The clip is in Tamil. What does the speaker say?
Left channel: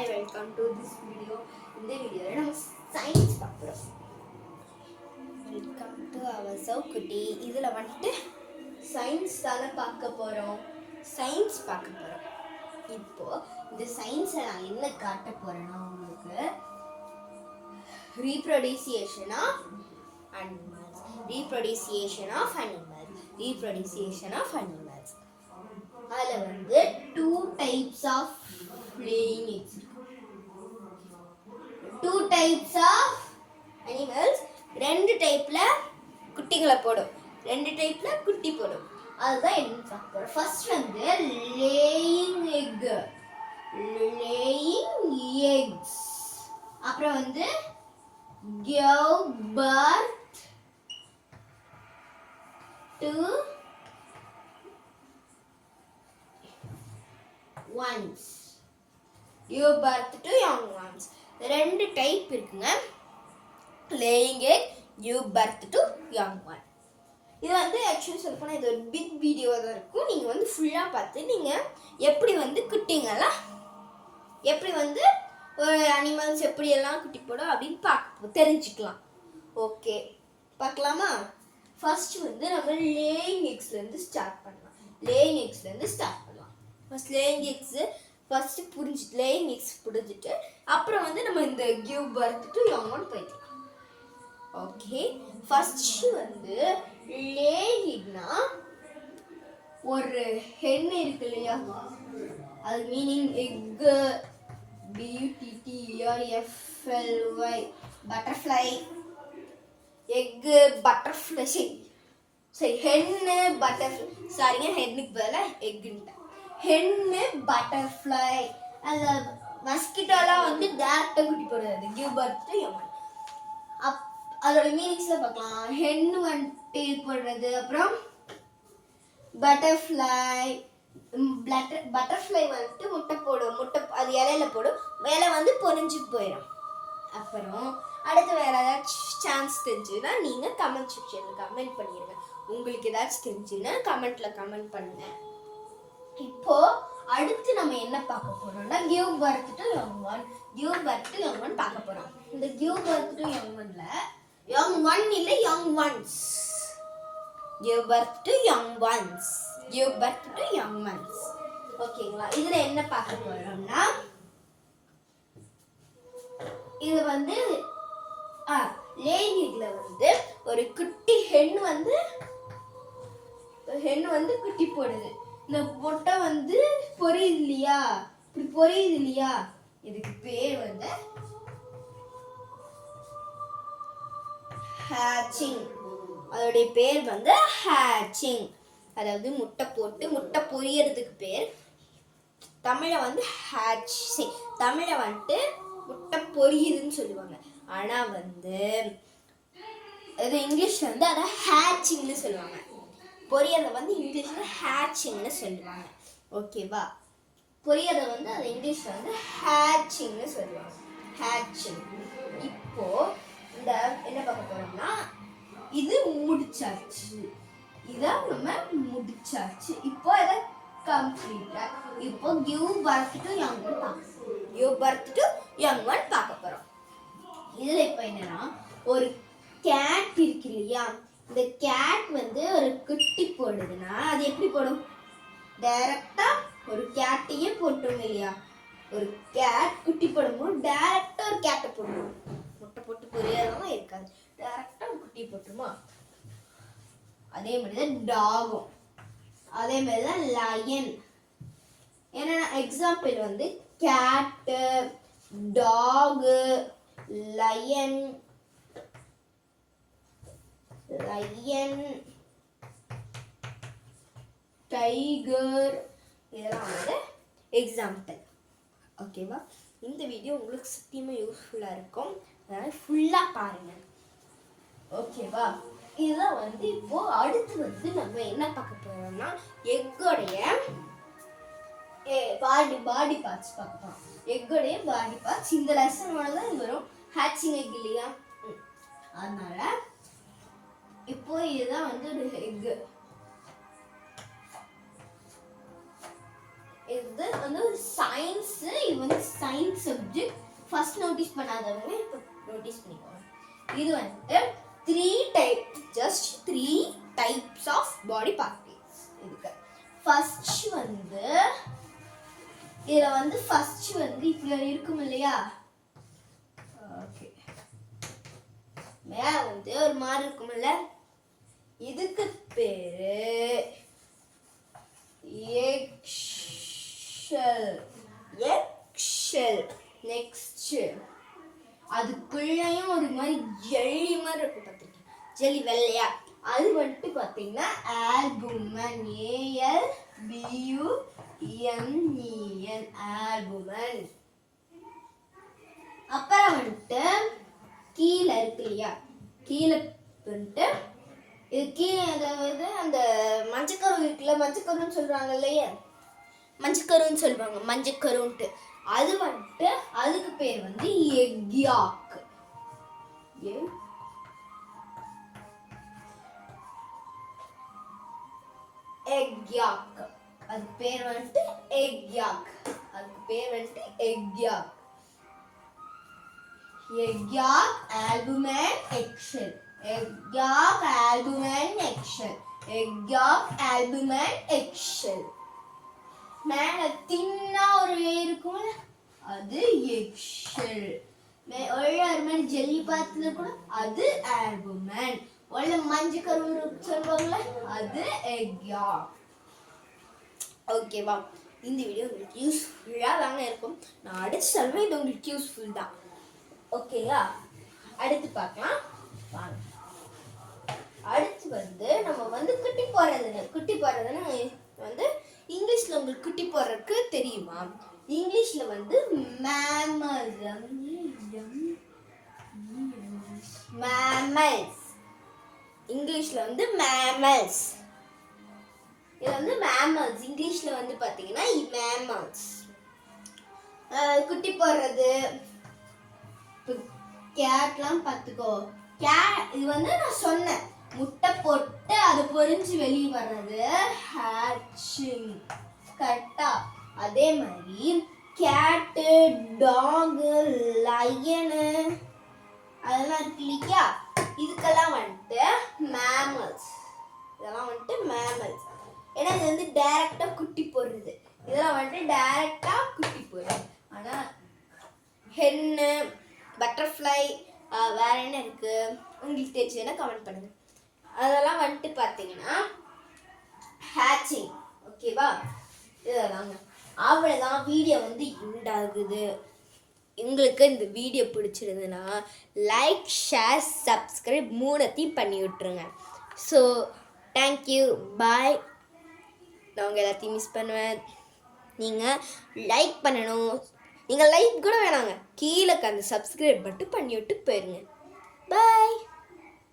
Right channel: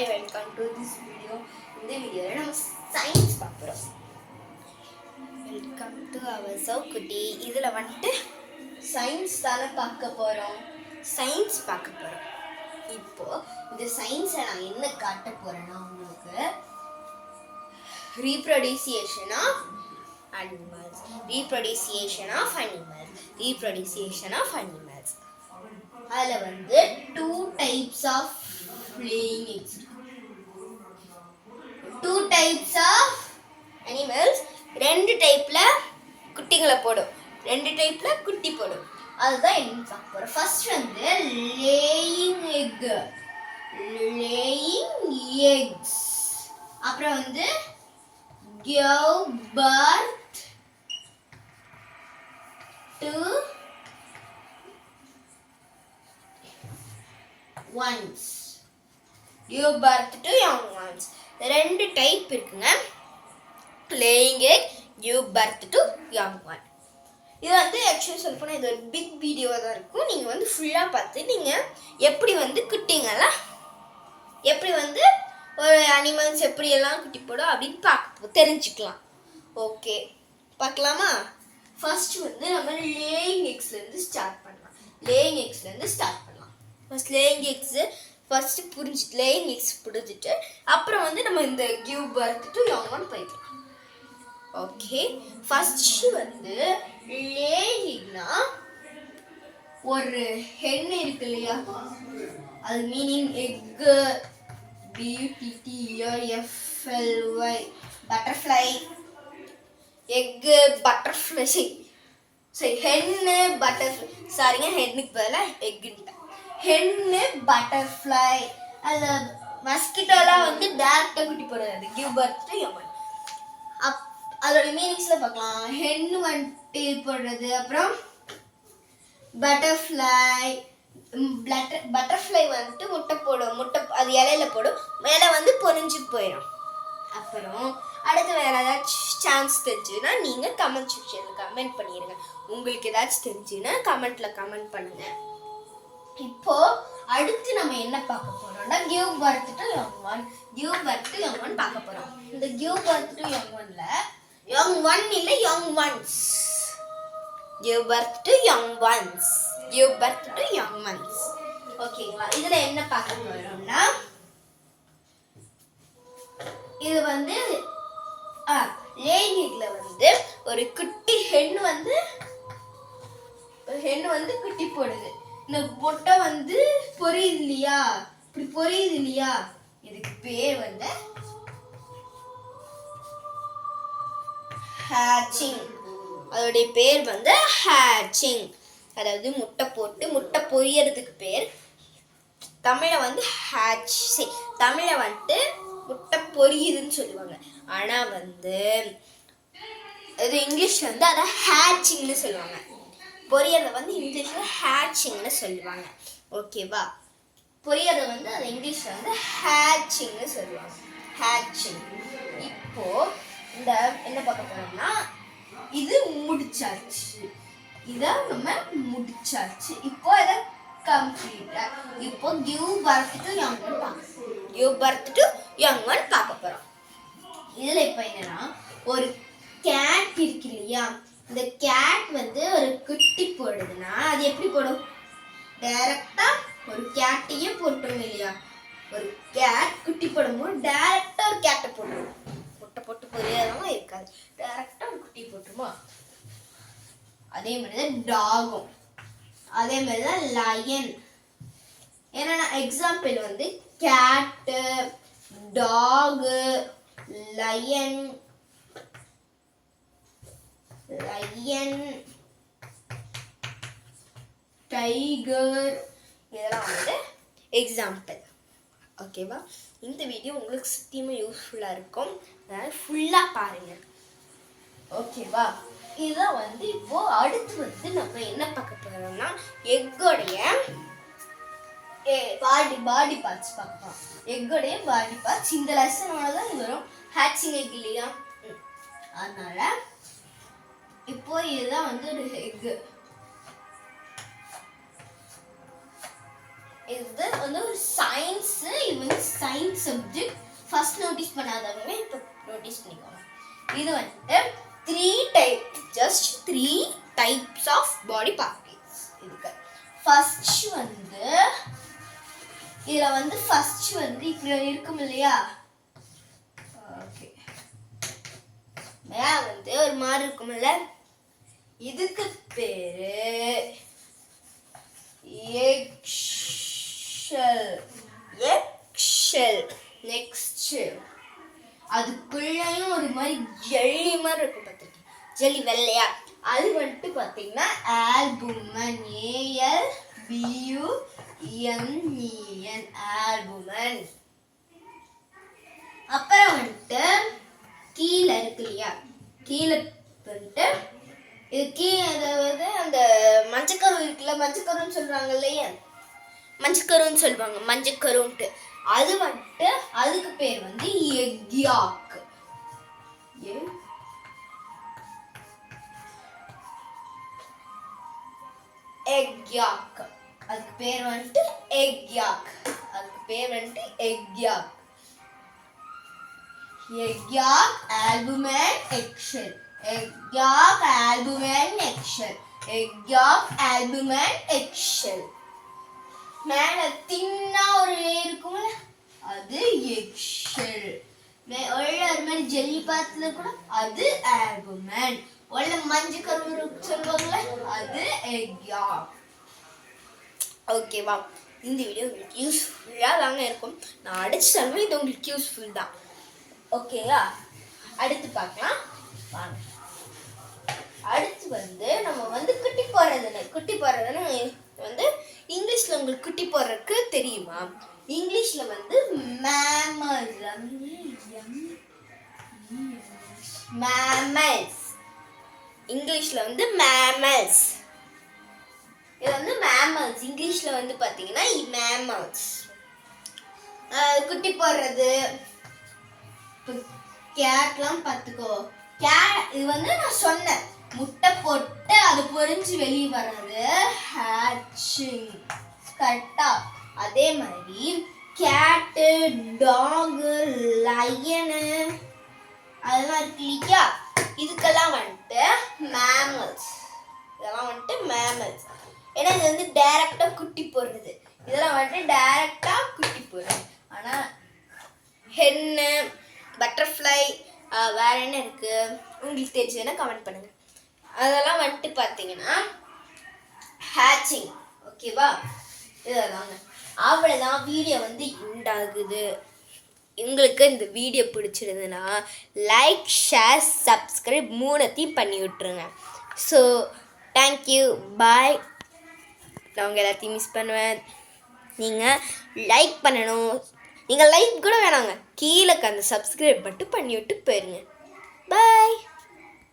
Hi, welcome to this video. இந்த வீடியோல நம்ம சயின்ஸ் பார்க்குறோம். வெல்கம் டு அவர் சௌக்குட்டி. இதில் வந்துட்டு சயின்ஸ் தானே பார்க்க போகிறோம். இப்போ இந்த சயின்ஸை நான் என்ன காட்ட போகிறேன்னா உங்களுக்கு ரீப்ரொடியூசியேஷன் ஆஃப் அனிமல்ஸ். அதில் வந்து 2 types of laying eggs. 2 types of animals 2 டைப்ல குட்டிகளை போடும், 2 டைப்ல குட்டி போடும். அதுதான் என்ன பார்க்க போறோம். ஃபர்ஸ்ட் வந்து லேயிங் எக்ஸ், அப்புறம் வந்து give birth to ones. Give birth to young ones. 2 type இருக்குங்க. laying egg, give birth to young one. இது வந்து ஆக்சுவலி சொல்ல போனால் இது ஒரு பிக் வீடியோ தான் இருக்கும். நீங்கள் வந்து ஃபுல்லாக பார்த்து நீங்கள் எப்படி வந்து குட்டிங்கெல்லாம் எப்படி வந்து ஒரு அனிமல்ஸ் எப்படியெல்லாம் குட்டி போடும் அப்படின்னு தெரிஞ்சுக்கலாம். ஓகே, பார்க்கலாமா? ஃபர்ஸ்ட் வந்து நம்ம லேயிங் எக்ஸ்லேருந்து ஸ்டார்ட் பண்ணலாம். First laying x first laying X புரிஞ்சுட்டு அப்புறம் வந்து நம்ம இந்த give birth to young one போய்க்கலாம். ஓகே, ஃபர்ஸ்ட் வந்து லேயிங்னா ஒரு ஹென் இருக்கு இல்லையா, அது meaning egg, BUTTERFLY, butterfly. Egg butterfly சரி ஹென்னு பட்டர்ஃப்ளை, சாரிங்க ஹென்னுக்கு பதிலாக எக்குன்ட்டேன். ஹென்னு பட்டர்ஃப்ளை, அது மஸ்கிட்டோலாம் வந்து டேரக்டாக குட்டி போடுறது, அது give birth to young one. அதோட மீனிங்ஸில் பார்க்கலாம். ஹென்னு வந்துட்டு போடுறது, அப்புறம் பட்டர்ஃப்ளை வந்துட்டு முட்டை போடும், அது இலையில போடும், மேலே வந்து பொரிஞ்சு போயிடும். அப்புறம் அடுத்து வேறு ஏதாச்சும் சான்ஸ் தெரிஞ்சுன்னா நீங்கள் கமெண்ட் செக்ஷனில் கமெண்ட் பண்ணிடுங்க. உங்களுக்கு ஏதாச்சும் தெரிஞ்சுன்னா கமெண்ட் பண்ணுங்க. இப்போ அடுத்து நம்ம என்ன பார்க்க போறோம்னா give birth to young one பார்க்க போறோம். இந்த கிவ் பர்த் டு யங் ஒன்ல யங் ஒன் இல்ல young once. Give birth to young once. ஓகேங்களா? இதுல என்ன பார்க்க போறோம்னா இது வந்து லேயிங் எக்ல வந்து ஒரு குட்டி ஹென் வந்து குட்டி போடுது. இந்த முட்டை வந்து பொரியுது இல்லையா, இதுக்கு பேர் வந்து ஹேச்சிங். அதோடைய பேர் வந்து ஹேச்சிங். அதாவது முட்டை பொரியறதுக்கு பேர் தமிழில் வந்து தமிழில் வந்துட்டு முட்டை பொரியுதுன்னு சொல்லுவாங்க. ஆனால் வந்து இது இங்கிலீஷில் வந்து அதை ஹேச்சிங்னு சொல்லுவாங்க. பொரியறதை வந்து இங்கிலீஷில் ஹேச்சிங்னு சொல்லுவாங்க. ஓகேவா? பொரியறதை வந்து அதை இங்கிலீஷில் வந்து ஹேச்சிங்னு சொல்லுவாங்க. ஹேச்சிங். இப்போ இந்த என்ன பார்க்க போறோம்னா இது முடிச்சாச்சு. இப்போ இதை கம்ப்ளீட்டா இப்போ give birth to young one பார்க்க போறோம். இதுல இப்போ என்னன்னா ஒரு கேட் இருக்கு இல்லையா, இந்த கேட் வந்து ஒரு குட்டி போடுதுன்னா அது எப்படி போடும்? டைரக்டா ஒரு கேட்டையே போட்டோம் இல்லையா, ஒரு கேட் குட்டி போடும்போது டைரக்டா ஒரு கேட்டை போட்டுரும். முட்டை போட்டு பொரியாதெல்லாம் இருக்காது, டைரக்டா ஒரு குட்டி போட்டுருமா. அதே மாதிரிதான் டாகும், அதே மாதிரிதான் லயன். என்னன்னா எக்ஸாம்பிள் வந்து கேட்டு, டாகு, லயன், டைகர், இதெல்லாம் வந்து எக்ஸாம்பிள். ஓகேவா? இந்த வீடியோ உங்களுக்கு சத்தியமாக யூஸ்ஃபுல்லாக இருக்கும், அதனால் ஃபுல்லாக பாருங்கள். ஓகேவா? இதுதான் வந்து இப்போ அடுத்து வந்து நம்ம என்ன பார்க்க போறோம்னா எக்கோடைய பாடி பார்ட்ஸ் பார்க்கலாம். எக்கோடைய பாடி பார்ட்ஸ் இந்த லெசனோட தான் இது வரும். ஹேச்சிங் எக் இல்லையா, அதனால இப்போ இதுதான் வந்து ஒரு இது வந்து ஒரு சயின்ஸ். இது வந்து சயின்ஸ் சப்ஜெக்ட். ஃபர்ஸ்ட் நோட்டீஸ் பண்ணாதவங்க இப்போ நோட்டீஸ் பண்ணிக்கோங்க. இது வந்து 3 types ஆஃப் பாடி பார்ட்ஸ் இருக்கு. ஃபர்ஸ்ட் வந்து இதுல வந்து ஃபர்ஸ்ட் வந்து இப்படி இருக்கும் இல்லையா? ஓகே, மேல வந்து ஒரு மாதிரி இருக்கும்ல, இதுக்கு பேரு எக்ஷெல். நெக்ஸ்ட் அதுக்குள்ளேயும் ஒரு மாதிரி ஜெல்லி மாதிரி இருக்கும், பார்த்துருக்கேன், ஜெல்லி வெள்ளையா. அது வந்துட்டு பார்த்தீங்கன்னா ஆல்புமன். ALBUMEN ஆல்புமன். அப்புறம் வந்துட்டு கீழே இருக்கு இல்லையா, கீழே வந்துட்டு இது கீழே, அதாவது அந்த மஞ்சக்கரு இருக்குல்ல, மஞ்சக்கருன்னு சொல்றாங்க இல்லையா, மஞ்சக்கருன்னு சொல்லுவாங்க, மஞ்சக்கருன்ட்டு. அது வந்துட்டு அதுக்கு பேர் வந்து எக்யாக். எக்யாக் அதுக்கு பேர் வந்துட்டு எக்யாக். அதுக்கு பேர் வந்துட்டு எக்யாக். எக்யாக் ஆல்புமன் எக்ஷெல். எக்யாக் ஆல்புமன் எக்ஷெல். எக்யாக் ஆல்புமன் எக்ஷெல். மேல தின்னா ஒரு இருக்கும்ல, அது எக்ஷெல். ஒரு மாதிரி ஜெல்லி பாத்துல கூட அது ஆல்புமன். உள்ள மஞ்சள் கரு சொல்லுவாங்கல்ல, அது எக்யாக். ஓகேவா? இந்த வீடியோ உங்களுக்கு யூஸ்ஃபுல்லாக தாங்க இருக்கும். நான் அடிச்சாலுமே இது உங்களுக்கு யூஸ்ஃபுல் தான். ஓகேங்களா? அடுத்து பார்க்கலாம் வாங்க. அடுத்து வந்து நம்ம வந்து குட்டி போடுறதுன்னு வந்து இங்கிலீஷ்ல உங்களுக்கு குட்டி போடுறதுக்கு தெரியுமா? இங்கிலீஷ்ல வந்து மேமல்ஸ். இங்கிலீஷ்ல வந்து மேமல்ஸ். இது வந்து மேமல்ஸ். இங்கிலீஷ்ல வந்து பாத்தீங்கன்னா மேமல்ஸ். குட்டி போடுறது. கேட்லாம் பார்த்துக்கோ. இது வந்து நான் சொன்னேன், முட்டை போட்டு அது பொரிஞ்சு வெளியே வர்றது ஹேட்சிங். கரெக்டா? அதே மாதிரி கேட்டு, டாகு, லயனு அதெல்லாம் இருக்கு இல்லையா, இதுக்கெல்லாம் வந்துட்டு மேமல்ஸ். இதெல்லாம் வந்துட்டு மேமல்ஸ். ஏன்னா இது வந்து டைரக்டா குட்டி போடுறது. இதெல்லாம் வந்துட்டு டைரக்டா குட்டி போடுறது. ஆனா ஹென்னு, பட்டர்ஃப்ளை, வேற என்ன இருக்கு உங்களுக்கு தெரிஞ்சதுன்னா கமெண்ட் பண்ணுங்க. அதெல்லாம் வந்துட்டு பார்த்தீங்கன்னா ஹேட்சிங். ஓகேவா? இதெல்லாங்க. அவ்வளோதான், வீடியோ வந்து உண்டாகுது. உங்களுக்கு இந்த வீடியோ பிடிச்சிருந்ததுன்னா லைக், ஷேர், சப்ஸ்கிரைப் 3 பண்ணி விட்டுருங்க. ஸோ தேங்க்யூ, பாய். நான் உங்கள் எல்லாத்தையும் மிஸ் பண்ணுவேன். நீங்கள் லைக் பண்ணணும். நீங்கள் லைக் கூட வேணாங்க, கீழே அந்த சப்ஸ்கிரைப் மட்டும் பண்ணி விட்டு போயிருங்க. பாய்.